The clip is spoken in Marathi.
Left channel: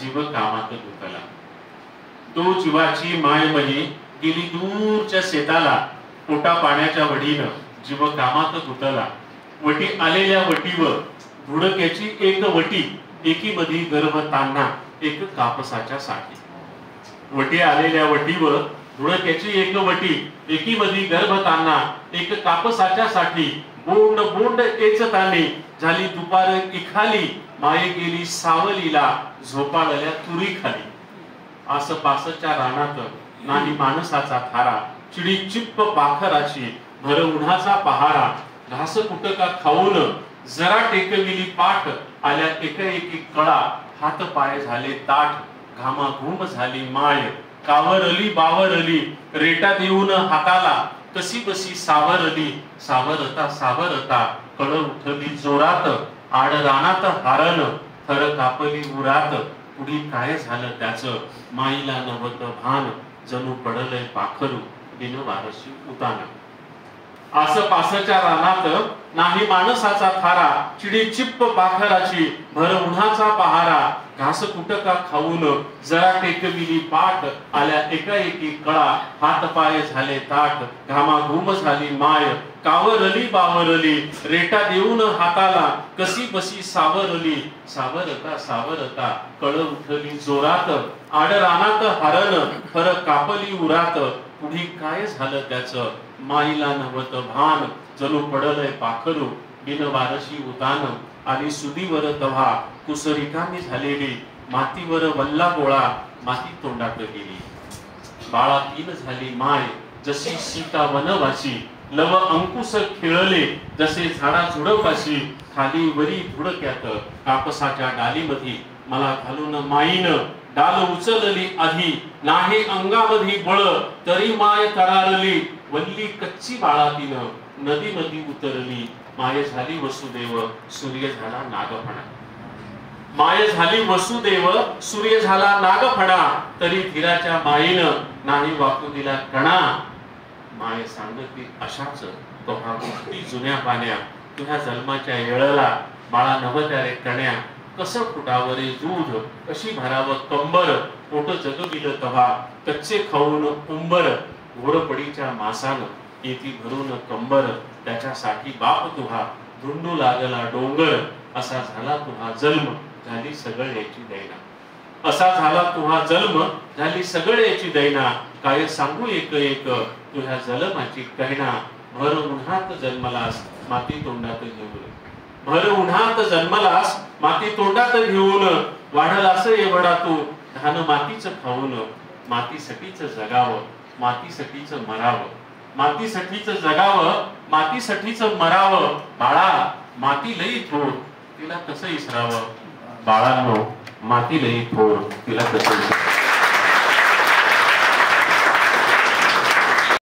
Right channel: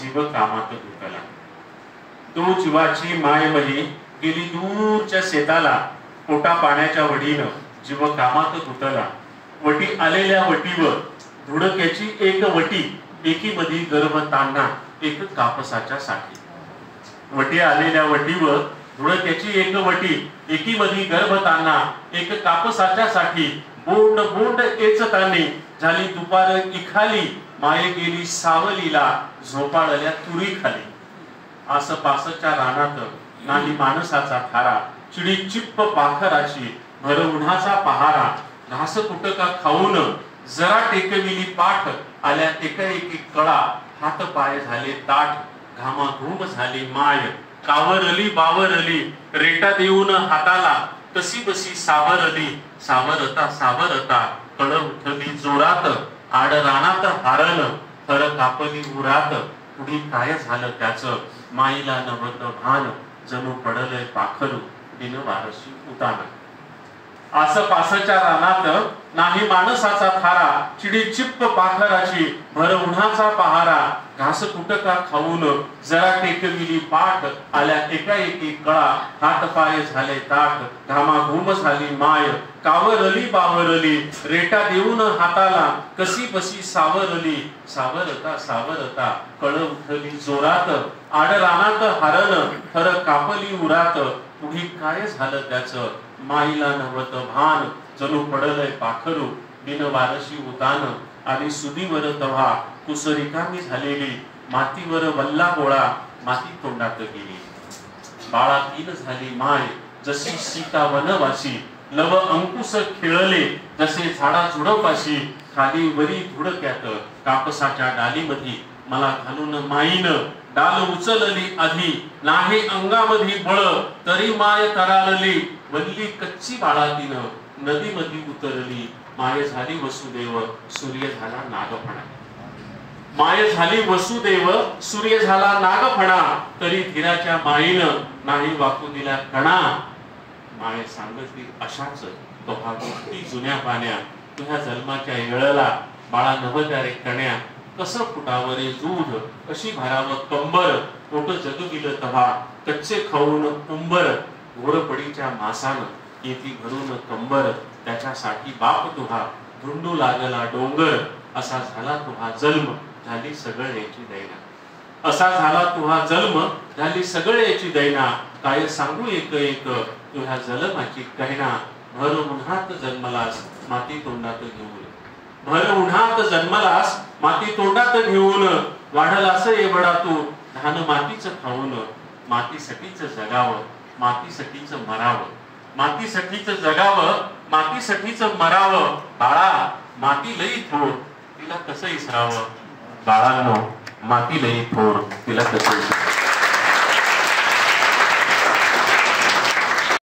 जीव कामात गुंतला। तो जीवाची माय मली गेली दूरच्या शेताला, पोटा पाण्याच्या वडीनं जीव कामात गुंतला। वटी आलेल्या वटीवर धुडक्याची एक वटी, एकीमधी गर्भ तान्हा एक कापसाच्या साठी। वटी आलेल्या वटीवर धुडक्याची एक वटी, एकीमधी गर्भ तान्हा एक कापसाच्या साठी। बोंड बोंड एचतानी झाली दुपार इखाली, माये गेली सावलीला झोपाळल्या तुरी खाली। आसपासच्या रानात नाही माणसाचा थारा, चिडी चिप्प पाखराची भर उन्हाचा पहारा। घास कुटका खाऊन जरा टेकविली पाठ, आल्या एकाएकी कळा हात पाय झाले ताठ। घामाघूम झाली माय कावरली बावरली, रेटा देऊन हाताला कशी बशी सावरली। सावरता सावरता कळ उठली जोरात, आड रानात हारण थर कापली उरात। पुढी काय झालं त्याचं माईला नव्हत भान, जणू पडलंय पाखरू बिन वारशी उतान। आसपासच्या रानात नाही माणसाचा थारा, चिडी चिप्प पाखराची भर उन्हाचा पहारा। घास कुटका खाऊन जरा टेकविली पाठ, आल्या एकाएकी कळा हात पाय झाले ताठ। घामाघूम झाली माय कावरली बावरली, रेटा देऊन हाताला कशी बशी सावरली। सावरता सावरता कळ उठली जोरात, आड रानात हारण थर कापली उरात। पुढे काय झालं त्याचं माईला नव्हत भान, जणू पडलंय पाखरू बिन वारशी उतान। आणि सुदीवर तव्हा कुसरिकांनी झालेली, मातीवर वल्ला गोळा माती तोंडात गेली। बाळातीन झाली माय जशी सीता वनवासी, लव अंकुश खेळले जसे झाडा झुडपाशी। खाली वरी धुडक्यात कापसाच्या डालीमधी, मला घालून माईन डाल उचलली आधी। नाही अंगामधी बळ तरी माय तरारली, वल्ली कच्ची बाळातीन नदीमधी उतरली। माय झाली वसुदेव सूर्य झाला नागफणा, माय झाली वसुदेव सूर्य झाला नागफणा। तरी धीराच्या माईनं नाही वाकू दिला कणा। माय सांगती अशाच तोहा गोष्टी जुन्या पाण्या, तुझ्या जन्माच्या येळला बाळा नवत्या रे कण्या। कसं फुटावरे दूध कशी भरावं कंबर, पोट जगविलं तव्हा कच्चे खाऊन उंबर। घोरपडीच्या मासानं येती भरून कंबर, त्याच्यासाठी बाप तुहा धुंडू लागला डोंगर। असा झाला तुहा जन्म झाली सगळ्याची दैना, असा झाला तुहा जन्म झाली सगळ्याची दैना। काय सांगू एक एक तुझ्या जन्माची कहना, भर उन्हात जन्मलास माती तोंडात घेऊन। भर उन्हात जन्मलास माती तोंडात घेऊन, वाढलास एवढा तू धान मातीच खाऊन। मातीसाठीच जगावं मातीसाठीच मरावं, मातीसाठीच जगावं मातीसाठीच मरावं। बाळा माती लई थोर तिला कसं इसरावं, बाळांनो माती लई थोर तिला कसं इसरावं।